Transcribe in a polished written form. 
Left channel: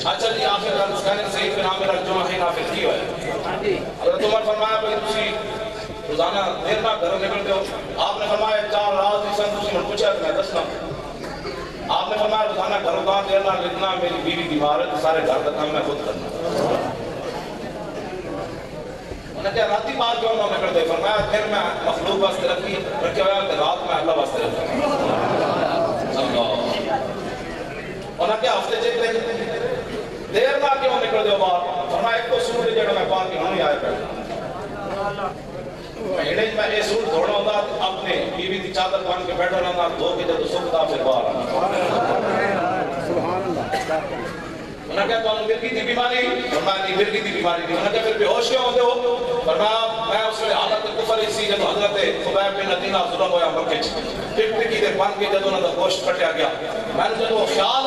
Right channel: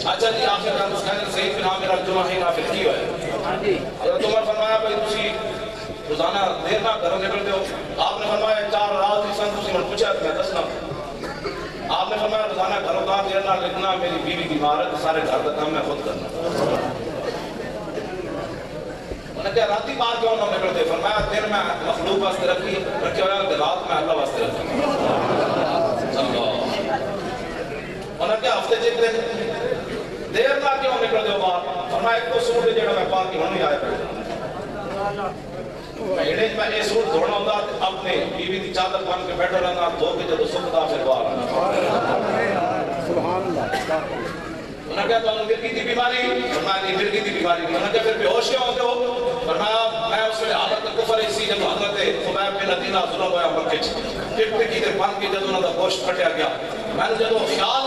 अच्छा जी आखिर का उसका सही पे नाम मेरा जुमा है नाफिल की है। हां जी हजरत उमर फरमाया भाई तुसी रोजाना देर ना घर निकलते हो। आपने फरमाया 4 रात इस तुसी ने पूछा तो मैं दसना। आपने फरमाया रोजाना घरों का देर ना कितना मेरी बीवी बीमार है सारे घर का काम मैं खुद करना। उन्हें क्या राती बात क्यों ना निकलते फरमाया फिर मैं मखलूक वास्ते रखे हुआ रात में अल्लाह वास्ते क्या हफ्ते जितने देर ना क्यों निकल दो बाहर फरमाया एक तो सूट है जेड़ा मैं पा के हुन आया एड़े मैं ये सूट धोना होता अपने बीवी की चादर बांध के बैठा रहना धो के जब सुखदा फिर बाहर सुभान अल्लाह। उन्हें क्या तो मिर्गी की बीमारी फरमाया मिर्गी की बीमारी उन्हें क्या फिर बेहोश क्यों होते हो फरमाया मैं उसमें हालत कुफर इसी जब हजरत खुबैब बिन अदीना जुल्म होया मक्के टिक टिकी दे बन के जब उन्हें होश कटिया गया मैंने जब वो ख्याल